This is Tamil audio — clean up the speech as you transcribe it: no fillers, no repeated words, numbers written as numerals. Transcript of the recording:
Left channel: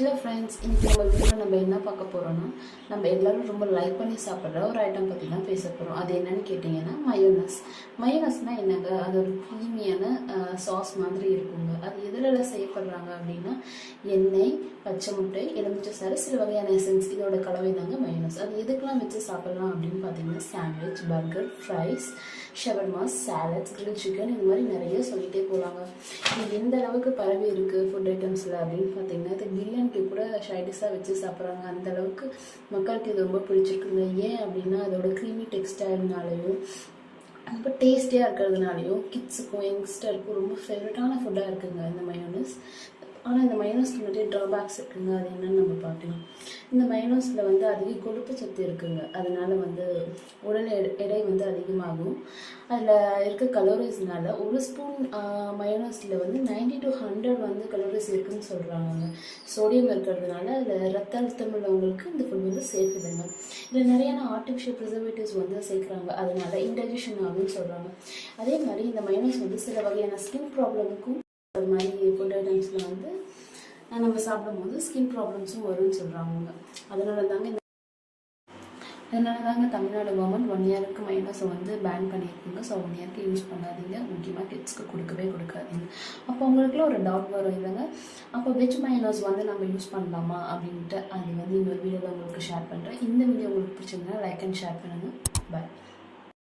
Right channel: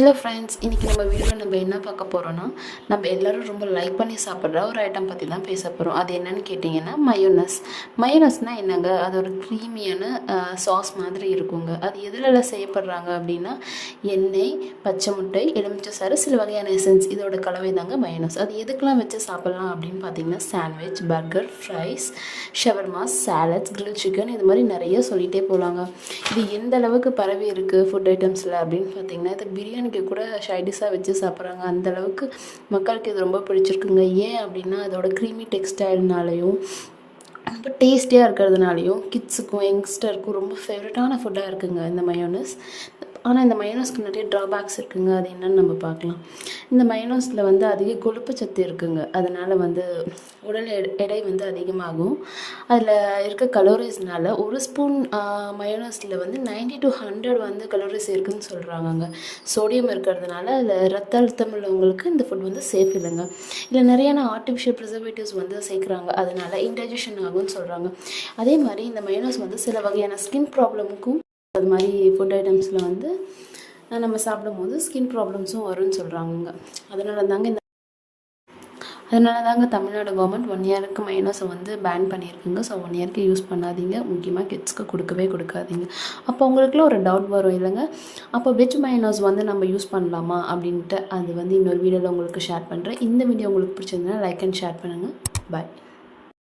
ஹலோ ஃப்ரெண்ட்ஸ், இன்றைக்கி நம்ம என்ன பார்க்க போகிறோன்னா, நம்ம எல்லோரும் ரொம்ப லைக் பண்ணி சாப்பிட்ற ஒரு ஐட்டம் பற்றி தான் பேச போகிறோம். அது என்னென்னு கேட்டிங்கன்னா மயோனஸ். மயோனஸ்னால் என்னங்க, அது ஒரு க்ரீமியான சாஸ் மாதிரி இருக்குங்க. அது எதிலெல்லாம் செய்யப்படுறாங்க அப்படின்னா, எண்ணெய், பச்சை முட்டை, எலுமிச்சை சாறு, சில வகையான எசன்ஸ், இதோட கலவை தாங்க மயோனஸ். அது எதுக்கெலாம் வச்சு சாப்பிட்லாம் அப்படின்னு பார்த்தீங்கன்னா, sandwich, burger, fries, shawarmas, salads, grill chicken, இது மாதிரி நிறைய சொல்லிகிட்டே போகலாங்க. இது எந்த அளவுக்கு பரவி இருக்குது ஃபுட் ஐட்டம்ஸில் அப்படின்னு பார்த்தீங்கன்னா, இது பிரியாணிக்கு கூட சைடிஷாக வச்சு சாப்பிட்றாங்க. அந்தளவுக்கு மக்களுக்கு இது ரொம்ப பிடிச்சிருக்குங்க. ஏன் அப்படின்னா, அதோட க்ரீமி டெக்ஸ்டைல்னாலையும் ரொம்ப டேஸ்டியாக இருக்கிறதுனாலையும் கிட்ஸுக்கும் யங்ஸ்டருக்கும் ரொம்ப ஃபேவரட்டான ஃபுட்டாக இருக்குங்க இந்த மயோனஸ். ஆனால் இந்த மயோனஸ்க்கு நிறைய ட்ராபேக்ஸ் இருக்குங்க. அது என்னென்னு நம்ம பார்க்கலாம். இந்த மயோனஸில் வந்து அதிக கொழுப்பு சத்து இருக்குங்க. அதனால் வந்து உடல் எடை வந்து அதிகமாகும். அதில் இருக்க கலோரிஸ்னால் ஒரு ஸ்பூன் மயோனஸில் வந்து 90 to 100 வந்து கலோரிஸ் இருக்குதுன்னு சொல்கிறாங்கங்க. சோடியம் இருக்கிறதுனால அதில் ரத்த அழுத்தம் உள்ளவங்களுக்கு இந்த ஃபுட் வந்து சேஃப் இல்லைங்க. இதில் நிறையான ஆர்டிஃபிஷியல் ப்ரிசர்வேட்டிவ்ஸ் வந்து சேர்க்குறாங்க. அதனால் இன்டைஜஷன் ஆகும்னு சொல்கிறாங்க. அதே மாதிரி இந்த மயோனஸ் வந்து சில வகையான ஸ்கின் ப்ராப்ளமுக்கும் அது மாதிரி ஃபுட் ஐட்டம்ஸில் வந்து நம்ம சாப்பிடும்போது ஸ்கின் ப்ராப்ளம்ஸும் வரும்னு சொல்கிறாங்க. அதனால தாங்க தமிழ்நாடு கவர்மெண்ட் 1 இயருக்கு மயோனஸை வந்து பேன் பண்ணியிருக்குங்க. ஸோ 1 இயருக்கு யூஸ் பண்ணாதீங்க. முக்கியமாக கிட்ஸ்க்கு கொடுக்காதீங்க. அப்போ உங்களுக்குள்ள ஒரு டவுட் வரும் இல்லைங்க, அப்போ வெஜ் மயோனஸ் வந்து நம்ம யூஸ் பண்ணலாமா அப்படின்ட்டு. அது வந்து இன்னொரு வீடியோவில் உங்களுக்கு ஷேர் பண்ணுறேன். இந்த வீடியோ உங்களுக்கு பிடிச்சிருந்தா லைக் அண்ட் ஷேர் பண்ணுங்கள். பாய்.